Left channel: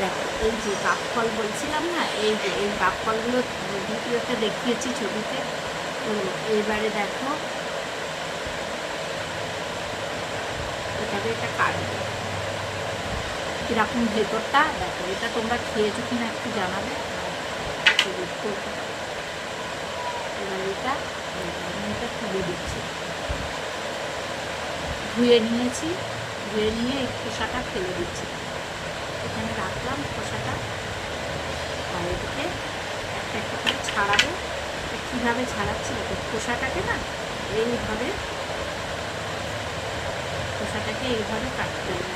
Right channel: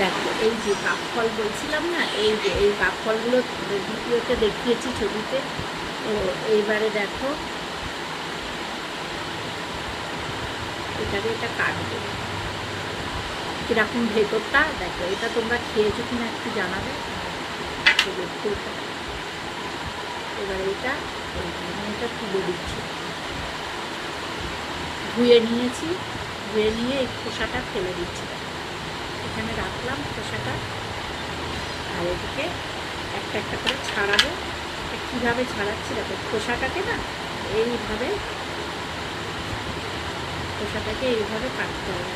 দেখো এই যে কাপ ফল বলছিলাম না, এই যে এই কাপ ফলগুলো ভিডিওতে দেখিয়েছি ছবিতে। তো এইবারে দেখো এটাকে এটা কাটবে কিরকম ভেতরটা। দেখো এটা তোমরা খেয়েছো কিনা একটু জানাবে। এবার এটা তুলে দিচ্ছি, ধুয়ে নিয়েছি, ধুয়ে নিয়ে এই খোসাটা ফেলে দিচ্ছি। এখানে রাখলাম খোসাটা, আর এদিকে একটা একটা করে ছাড়াবো। কীভাবে ছাড়াচ্ছি দেখো, খোসাটাকে না এইভাবে, খোসাটাকে এইভাবে কাটতে হবে।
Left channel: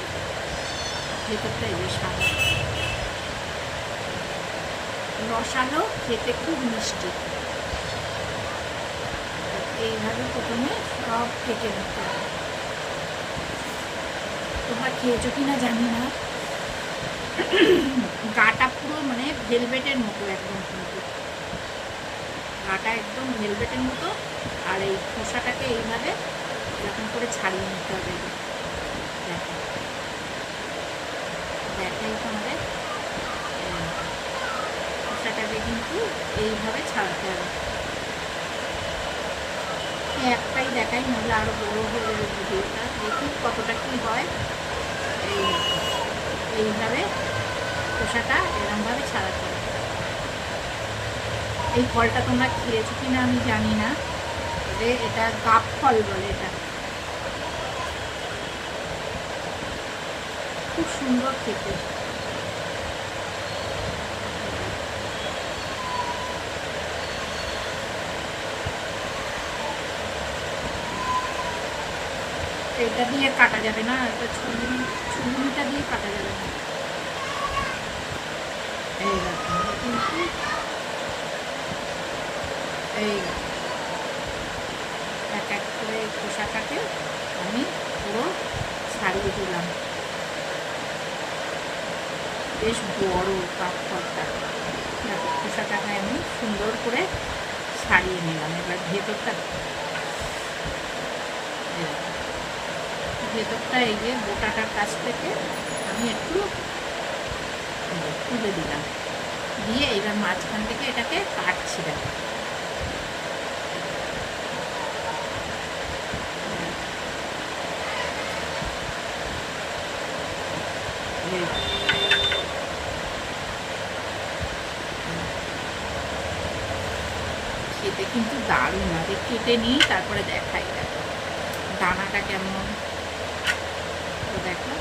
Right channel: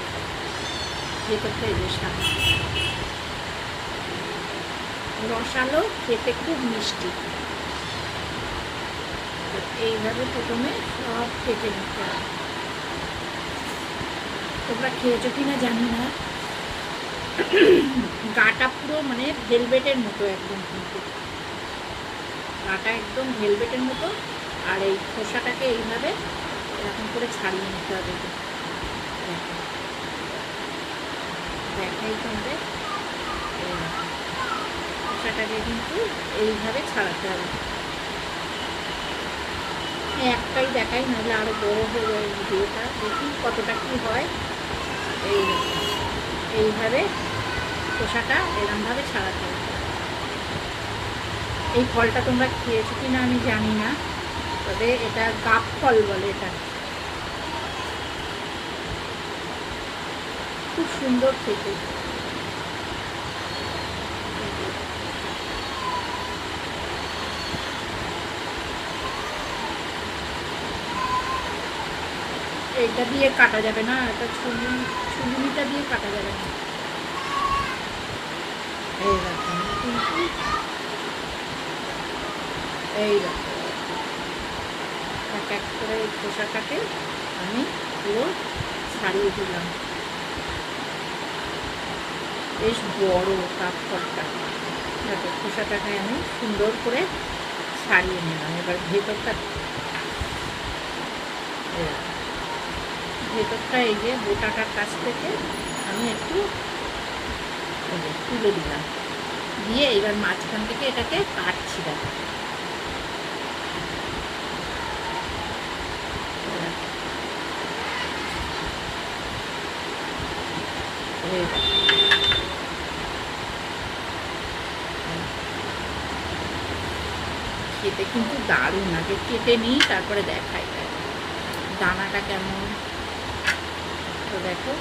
ভেতরটা এই সাদা রসালো, খেতে খুব মিষ্টি। এইভাবে প্রথমে সব কেটে নিতে হবে। তোমরা খেয়েছো কিনা জানি না, গাটা পুরো মানে ভেলভেটের মতো একদম, কিন্তু গাটা একদম ভেলভেটের মতো। আর এই খোসাটাকে এইভাবে এরকম করে ছাড়িয়ে নিতে হবে। দেখো দেখাই তোমাদের, খোসাটাকে কিন্তু এইভাবে ছাড়াতে হবে। একটাই দেখাই, নইলে আরো বড় হয়ে যাবে ভিডিওটা। দেখি কতটা কি হয়। এইভাবে খোসাটা এরকমভাবে ছাড়াতে হবে। এই ফলটা তোমরা খেয়েছো কিনা আমি জানি না, তবে এটা গাব ফল বলে। এটা খুব সুন্দর খেতে। এইটা দিয়ে কাটা যাবে না, এটা ছুরিটা দিয়ে কাটা যাবে না। এইরকম কিন্তু এইরকম এক এক করে খোসাটাকে আমি পুরো ছাড়িয়ে দিলাম। বেশ বড় কাঠখড়টা, খোসাটাকে আমি সুন্দর করে ছাড়িয়ে নিলাম। এবার ভেতরটা এই যে গোটাটার কাছ থেকে আমি একটু তুলে দিলাম, দিয়ে এবার মাঝখান থেকে এটাকে কাটছি। খেতে কিন্তু দারুণ। আগে কেটে নিই, তারপরে দেখাই দানাটা কেমন। তো দেখো